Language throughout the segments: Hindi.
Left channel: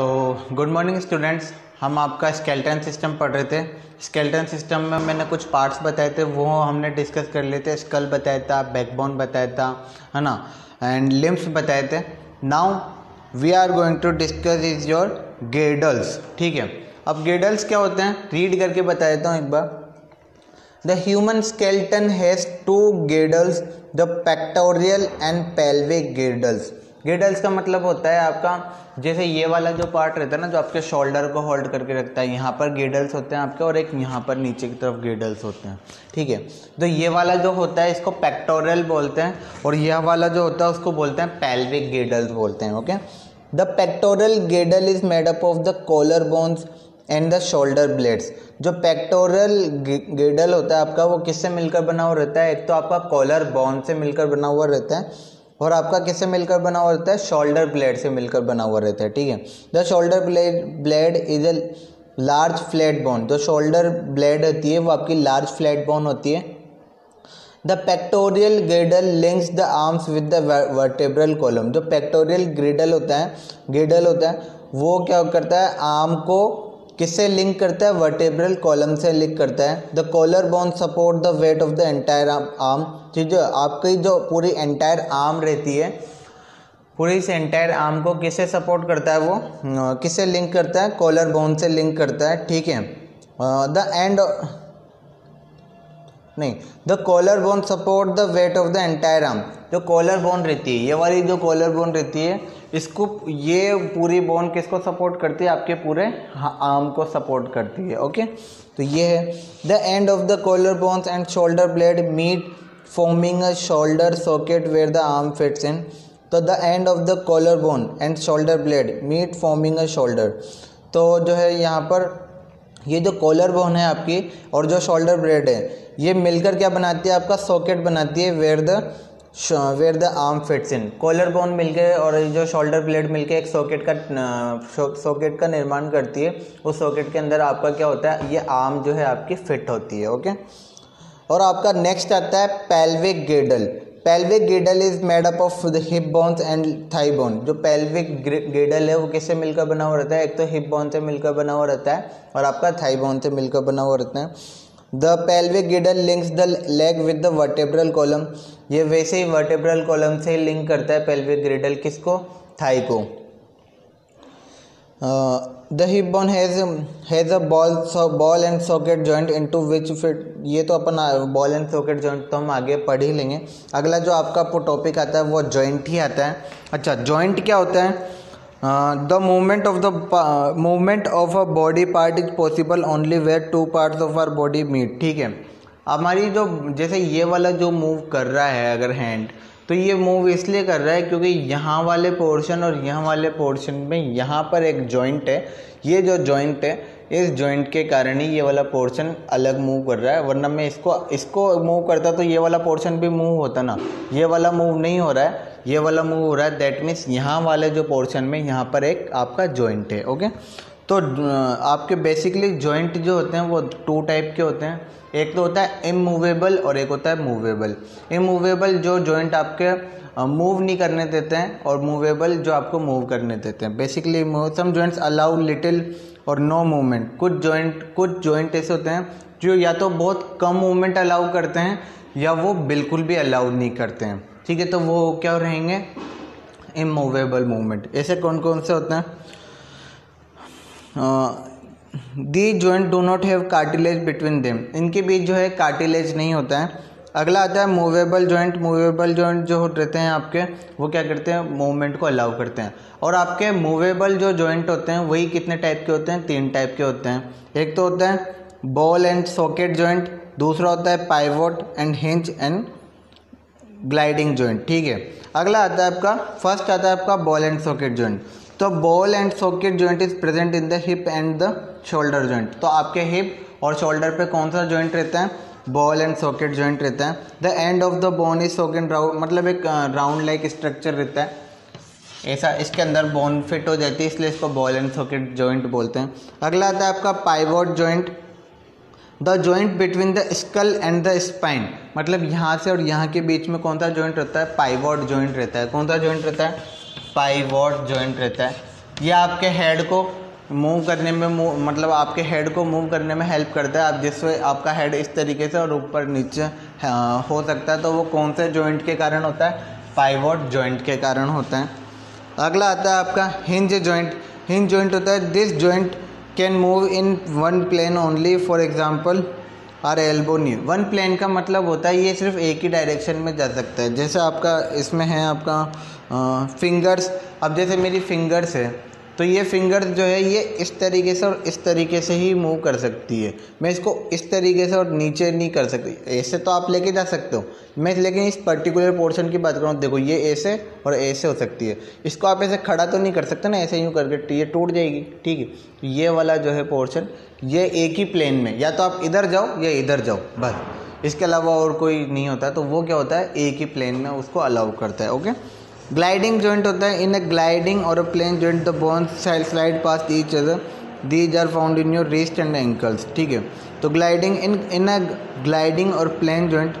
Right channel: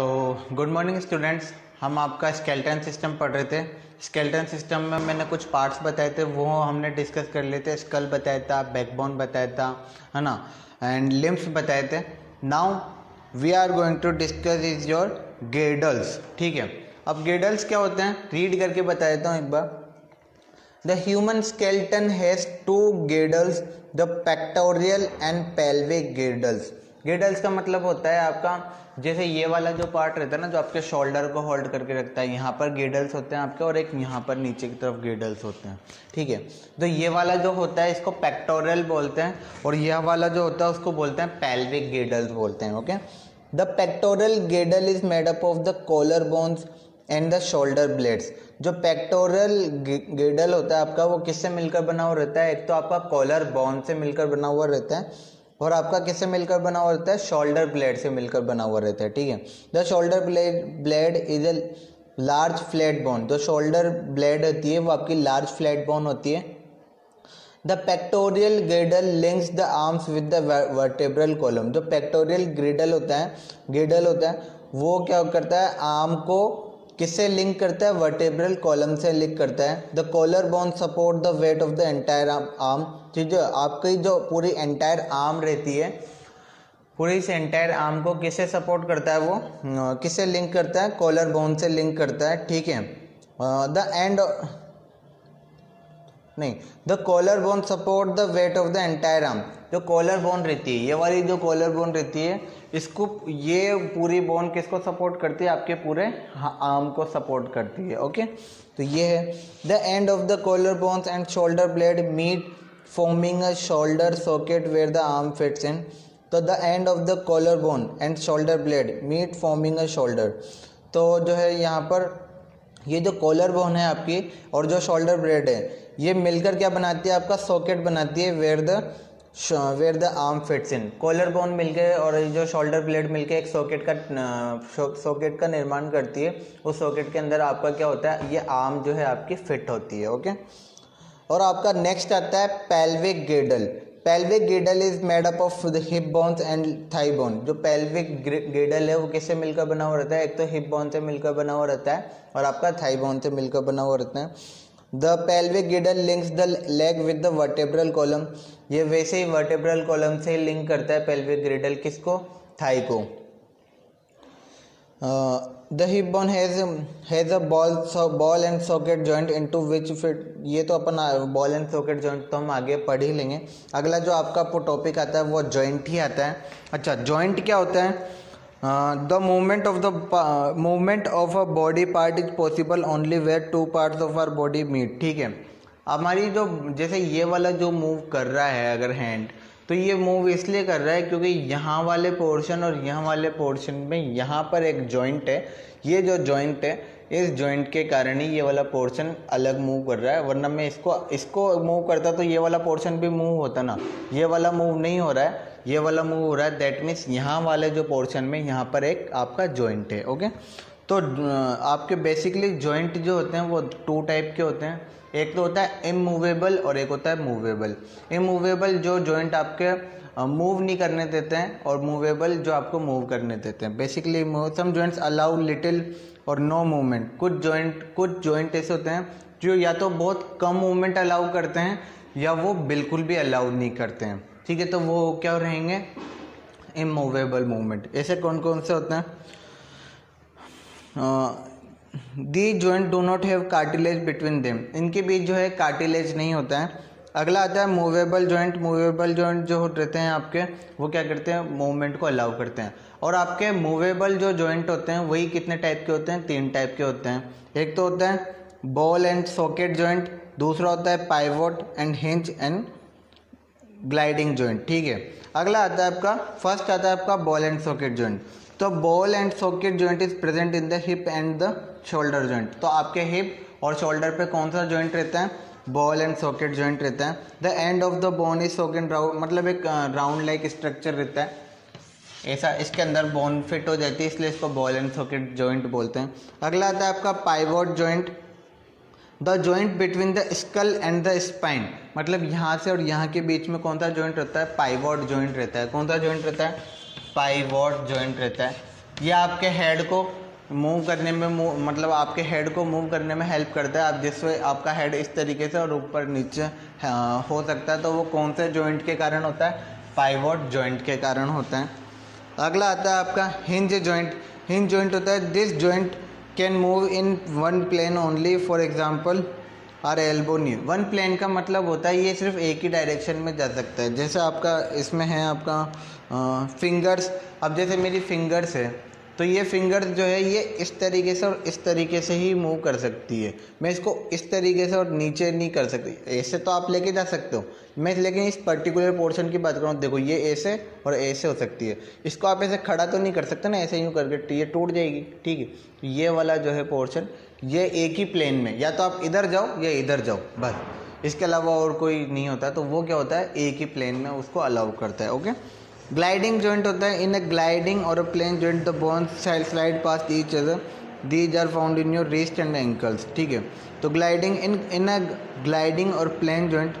तो गुड मॉर्निंग स्टूडेंट्स, हम आपका स्केलेटन सिस्टम पढ़ रहे थे। स्केलेटन सिस्टम में मैंने कुछ पार्ट्स बताए थे, वो हमने डिस्कस कर लिए थे। स्कल बताया था, बैकबोन बताया था, है ना, एंड लिम्स बताए थे। Now we are going to discuss is your girdles. ठीक है, अब गिल्डल्स क्या होते हैं रीड करके बता देता हूँ एक बार। The human skeleton has two girdles, the pectoral and pelvic girdles. गिर्डल्स का मतलब होता है आपका, जैसे ये वाला जो पार्ट रहता है ना, जो आपके शोल्डर को होल्ड करके रखता है, यहाँ पर गिर्डल्स होते हैं आपके, और एक यहाँ पर नीचे की तरफ गिर्डल्स होते हैं। ठीक है, तो ये वाला जो होता है इसको पेक्टोरल बोलते हैं, और यह वाला जो होता है उसको बोलते हैं पेल्विक गिर्डल्स बोलते हैं। Okay, the pectoral girdle is made up of the collar bones and the shoulder blades. जो पेक्टोरल गिर्डल होता है आपका, वो किससे मिलकर बना हुआ रहता है? एक तो आपका कॉलर बोन से मिलकर बना हुआ रहता है, और आपका किससे मिलकर बना हुआ रहता है? शोल्डर ब्लेड से मिलकर बना हुआ रहता है। ठीक है, the shoulder blade is a large flat bone. जो शोल्डर ब्लेड होती है वो आपकी लार्ज फ्लैट बोन होती है। The pectoral गिर्डल links the arms with the vertebral column. जो पेक्टोरियल गिर्डल होता है वो क्या करता है? आर्म को किससे लिंक करता है? वर्टेब्रल कॉलम से लिंक करता है। The collar bone support the weight of the entire arm. ठीक है, आपकी जो पूरी एंटायर आर्म रहती है, पूरी इस एंटायर आर्म को किससे सपोर्ट करता है? वो किससे लिंक करता है? कॉलर बोन से लिंक करता है। ठीक है, the collar bone support the weight of the entire arm. जो कॉलर बोन रहती है, ये वाली जो कॉलर बोन रहती है, इसको, ये पूरी बोन किसको सपोर्ट करती है? आपके पूरे आर्म को सपोर्ट करती है। ओके, तो ये है। The end of the collar bones and shoulder blade meet forming a shoulder socket where the arm fits in. तो the end of the collar bone and shoulder blade meet forming a shoulder. तो जो है यहाँ पर ये जो कॉलर बोन है आपकी और जो शोल्डर ब्लेड है, ये मिलकर क्या बनाती है? आपका सॉकेट बनाती है where the arm fits in. Collar bone मिलकर और जो शोल्डर ब्लेड मिलकर एक सॉकेट का निर्माण करती है। उस सॉकेट के अंदर आपका क्या होता है? ये आर्म जो है आपकी फिट होती है। ओके, और आपका नेक्स्ट आता है pelvic गिर्डल। Pelvic गिर्डल is made up of the hip bones and thigh bone. जो पेल्विक गिर्डल है वो किससे मिलकर बना हुआ रहता है? एक तो हिप बोन से मिलकर बना हुआ रहता है, और आपका थाई बोन से मिलकर बना हुआ रहता है। The pelvic गिर्डल links the leg with the vertebral column. ये वैसे ही वर्टेब्रल कॉलम से लिंक करता है पेल्विक गिर्डल किसको? थाई को। The hip bone has a ball and socket joint into which fit. ये तो अपन बॉल एंड सॉकेट जॉइंट तो हम आगे पढ़ ही लेंगे। अगला जो आपका टॉपिक आता है वो जॉइंट ही आता है। अच्छा, जॉइंट क्या होता है? The movement of a body part is possible only where two parts of our body meet. ठीक है, हमारी जो, जैसे ये वाला जो मूव कर रहा है अगर हैंड, तो ये मूव इसलिए कर रहा है क्योंकि यहाँ वाले पोर्शन और यहाँ वाले पोर्शन में यहाँ पर एक जॉइंट है। ये जो जॉइंट है, इस जॉइंट के कारण ही ये वाला पोर्शन अलग मूव कर रहा है, वरना मैं इसको मूव करता तो ये वाला पोर्शन भी मूव होता ना। ये वाला मूव नहीं हो रहा है, ये वाला मूव हो रहा है। दैट मीन्स यहाँ वाले जो पोर्शन में यहाँ पर एक आपका जॉइंट है। ओके, तो आपके बेसिकली जॉइंट जो होते हैं वो टू टाइप के होते हैं। एक तो होता है इमूवेबल और एक होता है मूवेबल। इमूवेबल जो जॉइंट आपके मूव नहीं करने देते हैं, और मूवेबल जो आपको मूव करने देते हैं। Basically some joints allow little और नो मूवमेंट। कुछ जॉइंट ऐसे होते हैं जो या तो बहुत कम मूवमेंट अलाउ करते हैं या वो बिल्कुल भी अलाउ नहीं करते हैं। ठीक है, तो वो क्या रहेंगे? Immovable movement. ऐसे कौन कौन से होते हैं? The joint do not have cartilage between them. इनके बीच जो है कार्टिलेज नहीं होता है। अगला आता है मूवेबल जॉइंट। मूवेबल जॉइंट जो रहते हैं आपके, वो क्या करते हैं? मूवमेंट को अलाउ करते हैं। और आपके मूवेबल जो जॉइंट होते हैं वही कितने टाइप के होते हैं? 3 टाइप के होते हैं। एक तो होता है बॉल एंड सॉकेट जॉइंट, दूसरा होता है pivot and hinge and gliding joint. ठीक है, अगला आता है आपका, फर्स्ट आता है आपका बॉल एंड सॉकेट जॉइंट। तो ball and socket joint is present in the hip and the shoulder joint. तो आपके हिप और शोल्डर पे कौन सा जॉइंट रहता है? बॉल एंड सॉकेट जॉइंट रहता है। The end of the bone is socket round, मतलब एक राउंड लाइक स्ट्रक्चर रहता है ऐसा, इसके अंदर बोन फिट हो जाती है, इसलिए इसको बॉल एंड सॉकेट जॉइंट बोलते हैं। अगला आता है आपका pivot joint. The joint between the skull and the spine, मतलब यहाँ से और यहाँ के बीच में कौन सा जॉइंट रहता है? पाइवोट जॉइंट रहता है। कौन सा जॉइंट रहता है? पाइवोट जॉइंट रहता है। ये आपके हेड को मूव करने में मतलब आपके हेड को मूव करने में हेल्प करता है। आप जिससे आपका हेड इस तरीके से और ऊपर नीचे हो सकता है, तो वो कौन से जॉइंट के कारण होता है? पाइवोट जॉइंट के कारण होता है। अगला आता है आपका हिंज जॉइंट। हिंज जॉइंट होता है this joint can move in one plane only, for example our elbow knee. One plane का मतलब होता है ये सिर्फ एक ही डायरेक्शन में जा सकता है। जैसे आपका इसमें है आपका फिंगर्स। अब जैसे मेरी फिंगर्स है, तो ये फिंगर्स जो है ये इस तरीके से और इस तरीके से ही मूव कर सकती है। मैं इसको इस तरीके से और नीचे नहीं कर सकती। ऐसे तो आप लेके जा सकते हो, मैं लेकिन इस पर्टिकुलर पोर्शन की बात कर रहा हूँ। देखो ये ऐसे और ऐसे हो सकती है। इसको आप ऐसे खड़ा तो नहीं कर सकते ना, ऐसे यूँ करके ये टूट जाएगी, ठीक है। तो ये वाला जो है पोर्शन ये एक ही प्लेन में, या तो आप इधर जाओ या इधर जाओ, बस इसके अलावा और कोई नहीं होता। तो वो क्या होता है? एक ही प्लेन में उसको अलाउ करता है। ओके। ग्लाइडिंग जॉइंट होता है इन अ ग्लाइडिंग और a plane joint the bones slide past each other, these are found in your wrist and ankles, ठीक है। तो ग्लाइडिंग इन अ ग्लाइडिंग और प्लेन जॉइंट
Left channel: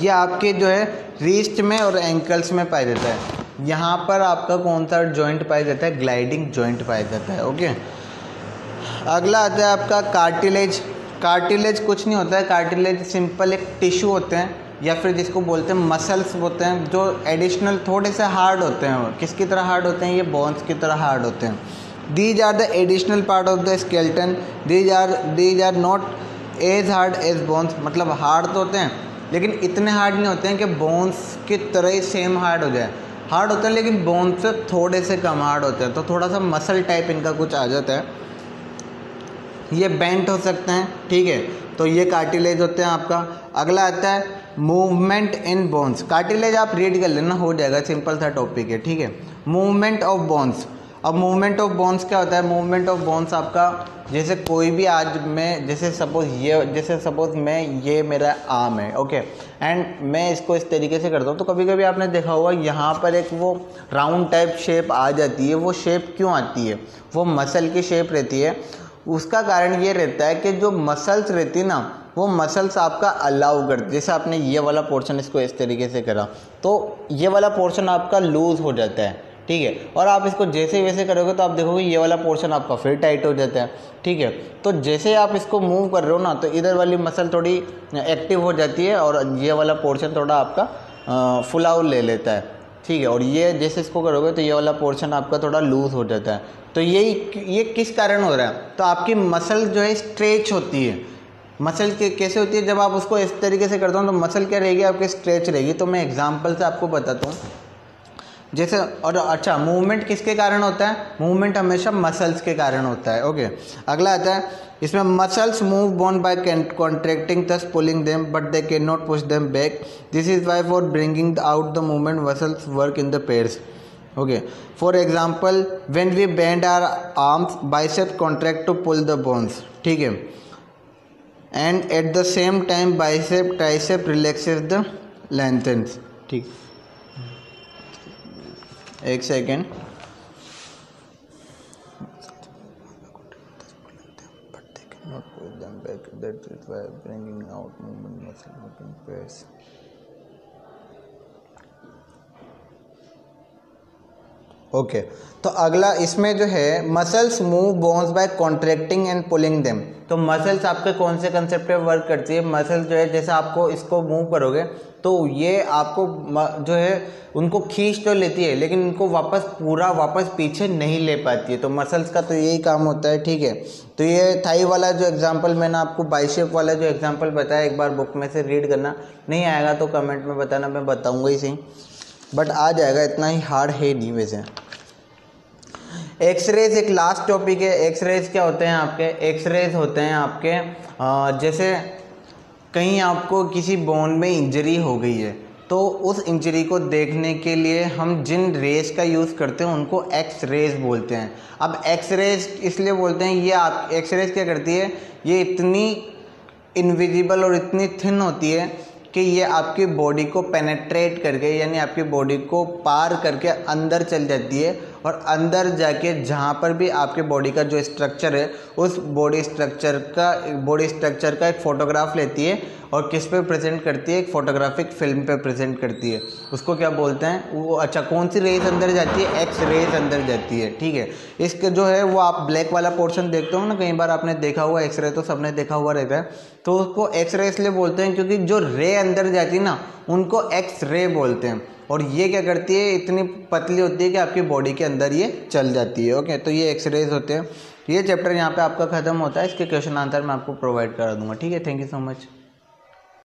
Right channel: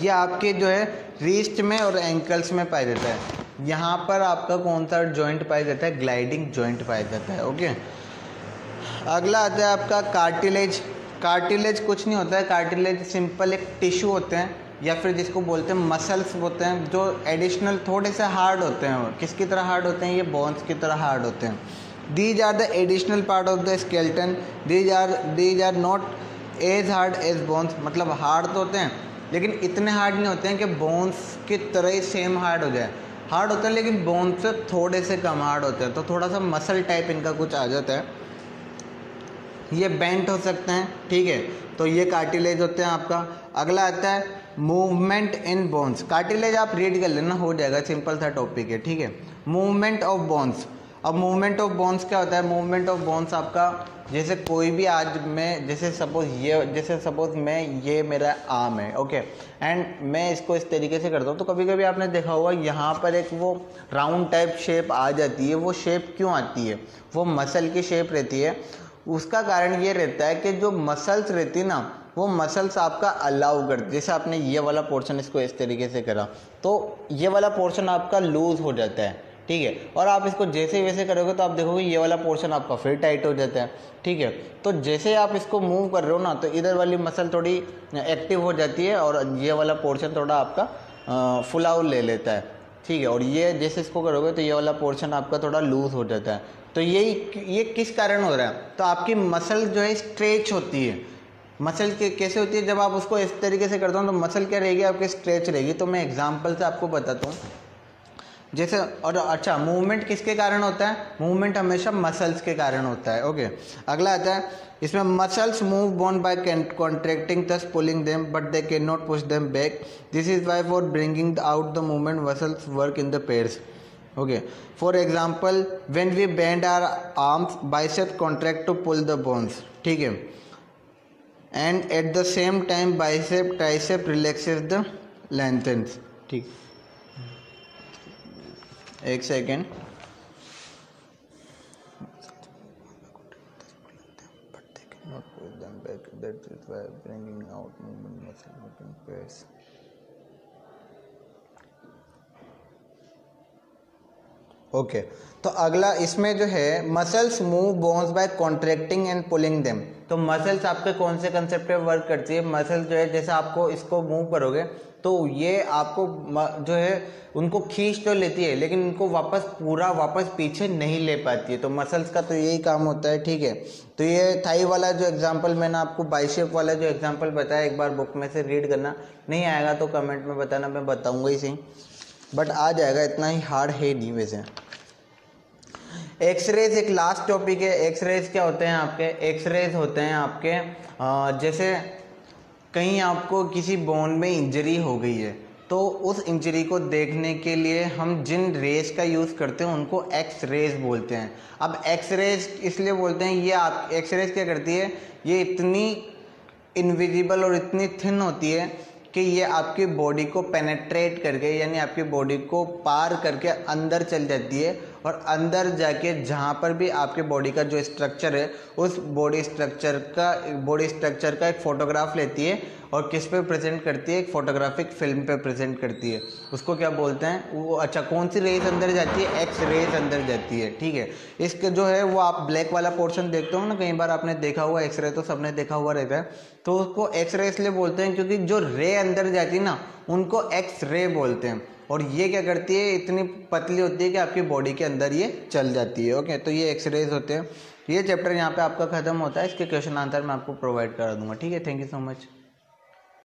ये आपके जो है रिस्ट में और एंकल्स में पाया जाता है। यहाँ पर आपका कौन सा जॉइंट पाया जाता है? ग्लाइडिंग जॉइंट पाया जाता है। ओके। अगला आता है आपका कार्टिलेज। कार्टिलेज कुछ नहीं होता है, कार्टिलेज सिंपल एक टिश्यू होते हैं या फिर जिसको बोलते हैं मसल्स होते हैं, जो एडिशनल थोड़े से हार्ड होते हैं। किसकी तरह हार्ड होते हैं? ये बोन्स की तरह हार्ड होते हैं। These are the additional part of the skeleton, these are not as hard as bones. मतलब हार्ड तो होते हैं लेकिन इतने हार्ड नहीं होते हैं कि बोन्स की तरह ही सेम हार्ड हो जाए। हार्ड होते हैं लेकिन बोन्स से थोड़े से कम हार्ड होते हैं, तो थोड़ा सा मसल टाइप इनका कुछ आ जाता है। ये बेंट हो सकते हैं, ठीक है। तो ये कार्टिलेज होते हैं आपका। अगला आता है मूवमेंट इन बोन्स। कार्टिलेज आप रीड कर लेना, हो जाएगा, सिंपल सा टॉपिक है, ठीक है। Movement of bones. अब मूवमेंट ऑफ बोन्स क्या होता है? मूवमेंट ऑफ बोन्स आपका जैसे कोई भी आज मैं जैसे सपोज मैं ये मेरा आर्म है, ओके, एंड मैं इसको इस तरीके से करता हूँ, तो कभी कभी आपने देखा होगा यहाँ पर एक वो राउंड टाइप शेप आ जाती है। वो शेप क्यों आती है? वो मसल की शेप रहती है। उसका कारण ये रहता है कि जो मसल्स रहती है ना, वो मसल्स आपका अलाउ करती है। जैसे आपने ये वाला पोर्शन इसको इस तरीके से करा, तो ये वाला पोर्शन आपका लूज हो जाता है, ठीक है। और आप इसको जैसे वैसे करोगे तो आप देखोगे ये वाला पोर्शन आपका फिर टाइट हो जाता है, ठीक है। तो जैसे आप इसको मूव कर रहे हो ना, तो इधर वाली मसल थोड़ी एक्टिव हो जाती है और ये वाला पोर्शन थोड़ा आपका फुलाव ले लेता है, ठीक है। और ये जैसे इसको करोगे तो ये वाला पोर्शन आपका थोड़ा लूज हो जाता है। तो ये किस कारण हो रहा है? तो आपकी मसल जो है स्ट्रेच होती है। मसल कैसे होती है? जब आप उसको इस तरीके से करते हो तो मसल क्या रहेगी? आपकी स्ट्रेच रहेगी। तो मैं एग्जांपल से आपको बताता हूँ। जैसे और अच्छा, मूवमेंट किसके कारण होता है? मूवमेंट हमेशा मसल्स के कारण होता है। ओके। अगला आता है इसमें muscles move bone by contracting thus pulling them but they can not push them back. This is why for bringing out the movement muscles work in the pairs. Okay, for example when we bend our arms, bicep contract to pull the bones, ठीक है, and at the same time bicep tricep relaxes the lengthens, ठीक। एक सेकेंड। ओके तो अगला इसमें जो है muscles move bones by contracting and pulling them. तो मसल्स आपके कौन से कंसेप्ट पे वर्क करती है? मसल्स जो है जैसे आपको इसको मूव करोगे तो ये आपको जो है उनको खींच तो लेती है लेकिन उनको वापस पीछे नहीं ले पाती है। तो मसल्स का तो यही काम होता है, ठीक है। तो ये थाई वाला जो एग्जांपल मैंने आपको बाइसेप वाला जो एग्जांपल बताया, एक बार बुक में से रीड करना, नहीं आएगा तो कमेंट में बताना, मैं बताऊंगा ही सही, बट आ जाएगा, इतना ही हार्ड है नहीं वैसे। एक्सरेज एक लास्ट टॉपिक है। एक्सरेज क्या होते हैं आपके? एक्सरेज होते हैं आपके जैसे कहीं आपको किसी बोन में इंजरी हो गई है तो उस इंजरी को देखने के लिए हम जिन रेज का यूज़ करते हैं उनको एक्स रेज बोलते हैं। अब एक्स रेज इसलिए बोलते हैं, ये आप एक्स रेज क्या करती है, ये इतनी इनविजिबल और इतनी थिन होती है कि ये आपकी बॉडी को पेनेट्रेट करके यानी आपकी बॉडी को पार करके अंदर चल जाती है और अंदर जाके जहाँ पर भी आपके बॉडी का जो स्ट्रक्चर है उस बॉडी स्ट्रक्चर का एक फोटोग्राफ लेती है और किस पे प्रेजेंट करती है, एक फोटोग्राफिक फिल्म पे प्रेजेंट करती है। उसको क्या बोलते हैं वो, अच्छा कौन सी रेज अंदर जाती है, एक्स रेज अंदर जाती है, ठीक है। इसके जो है वो आप ब्लैक वाला पोर्शन देखते हो ना, कई बार आपने देखा हुआ एक्स रे, तो सबने देखा हुआ रहता है, तो उसको एक्स रे इसलिए बोलते हैं क्योंकि जो रे अंदर जाती है ना उनको एक्स रे बोलते हैं। और ये क्या करती है, इतनी पतली होती है कि आपकी बॉडी के अंदर ये चल जाती है। ओके, तो ये एक्स रेज होते हैं। ये चैप्टर यहाँ पे आपका खत्म होता है, इसके क्वेश्चन आंसर मैं आपको प्रोवाइड करा दूंगा, ठीक है। Thank you so much.